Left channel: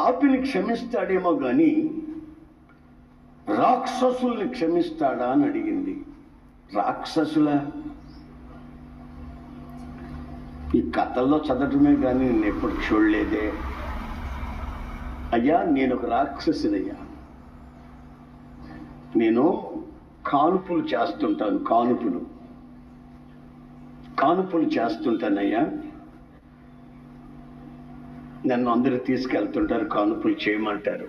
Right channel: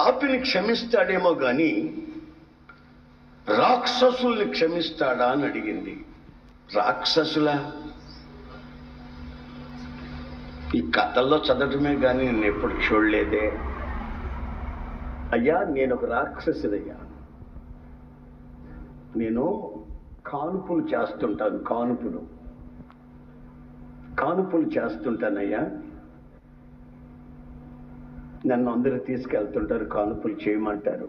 పాపిని క్షమిస్తాడేమో కానీ రాక్షసుల్ని క్షమిస్తాడా అని అడిగింది. రాక్షసుల ఈ కథల్లో చదవటమే కానీ నేను ఎప్పుడు చూడలేదే. అయ్యా, నేను ఒక రాక్షసుడయ్యా. నేను కానుపులు చేస్తుంటాను. కానుపులు చేస్తుంటానయ్యా. నన్ను అందరూ తీసుకెళ్తుంటారు, కానుపులు చేయమంటారు.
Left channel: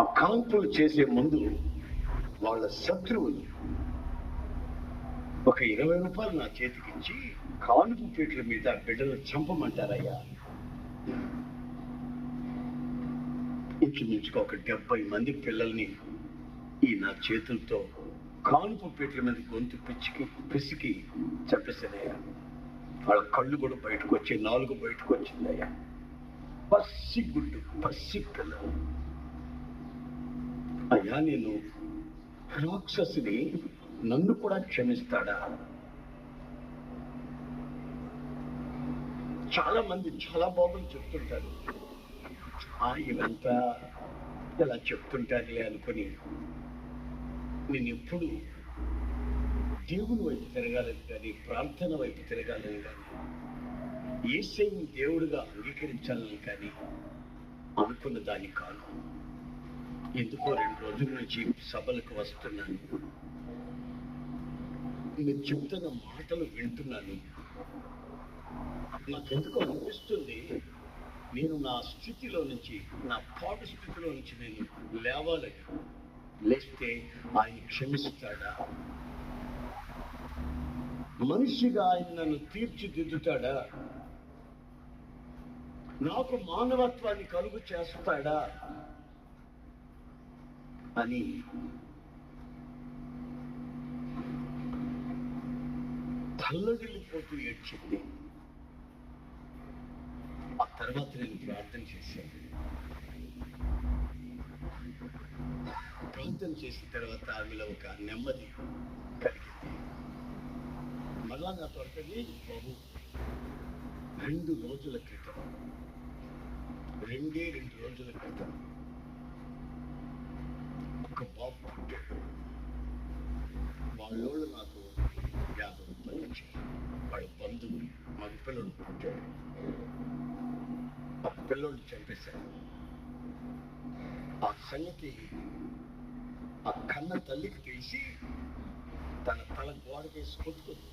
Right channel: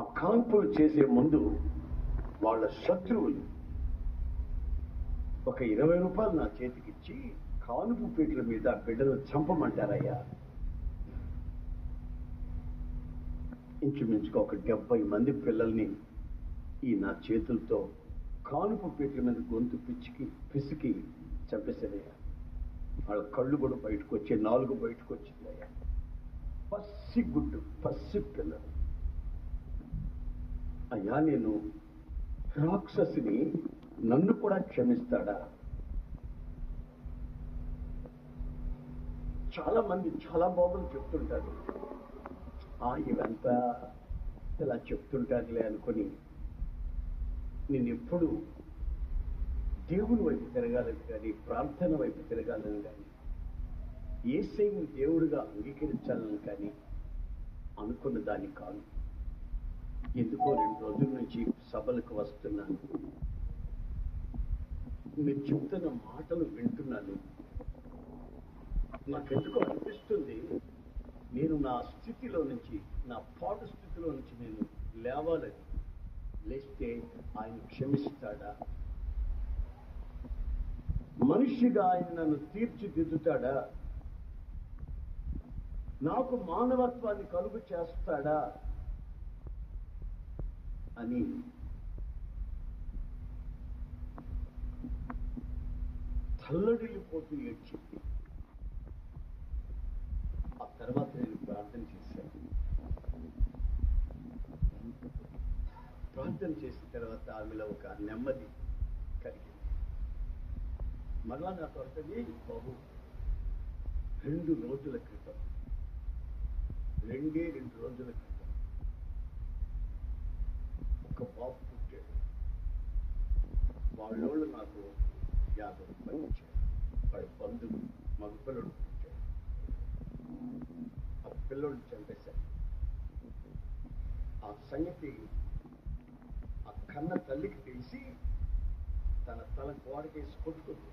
ఆ కానుపులు చేసే ముందు వాళ్ళ శత్రువులు ఒక 20 రూపాయలు నా చేతికిచ్చి కానుపు పీటల మీద బిడ్డలు చంపమంటారయ్యా. ఇంచుమించుగా ఒక 70 మంది పిల్లల్ని ఈ నా చేతులతో కానుపు పీటల మీద గొంతు పిసికి చంపేశానయ్యా. వాళ్ళ కళ్ళు కూడా బయటకు వచ్చి, నాలుగు బయటకు వచ్చిందయ్యా. పసి పిల్లలు. అయ్యా, నేను రాక్షసుని, నన్ను కూడా క్షమిస్తాడా? చాలా మంది చాలా బాబులు చెప్తుంటారు, ఇవంతా ఇలా చెప్తుంటారులే అనుకుని నేను ఎప్పుడు దేవుని వైపు తిరగాలని కానీ, ప్రార్థన వైపు తిరగాలని కానీ, యేసయ్యను దేవుడిగా అంగీకరించాలని కానీ అనుకున్న దాన్ని కాను. ఎందుకో 2 రోజుల నుంచి సభలకు వస్తున్నాను, మీరు చెప్తున్న మాటలు వింటున్నాను. నాకెందుకో అనిపిస్తుంది, నేను నా స్థితిలో నుంచి, నా పాట స్థితిలో నుంచి నేను లేవాలని. లేస్తే ఆయన క్షమిస్తాడా? మనిషిగా ఆయన నన్ను తీర్చిదిద్దుతాడా? నాకు మానవత్వాన్ని కలుగు చేస్తాడా అని తల్లడిల్లిపోతూ ఏడ్చింది. ఆ తర్వాత నేను ప్రార్థన చేశాను. ప్రార్థన చేసిన తర్వాత ఆమెలో ఒక నెమ్మది కలిగింది. మళ్ళా నా తోటని బాబు 2 రోజుల క్రితం, 2 రోజుల క్రితం ఒక బాబు పుట్టాడు. వాళ్ళోళ్ళు నాకు 50 రూపాయలు వచ్చారు. వాడి బంధువు మగ పిల్లడు పుట్టాడు. ఆ పిల్లల్ని చంపేశారు. ఆ సంగతి ఆ కన్న తల్లికి తెలిసి తన తల గోడ వేసి కొట్టుకుంది.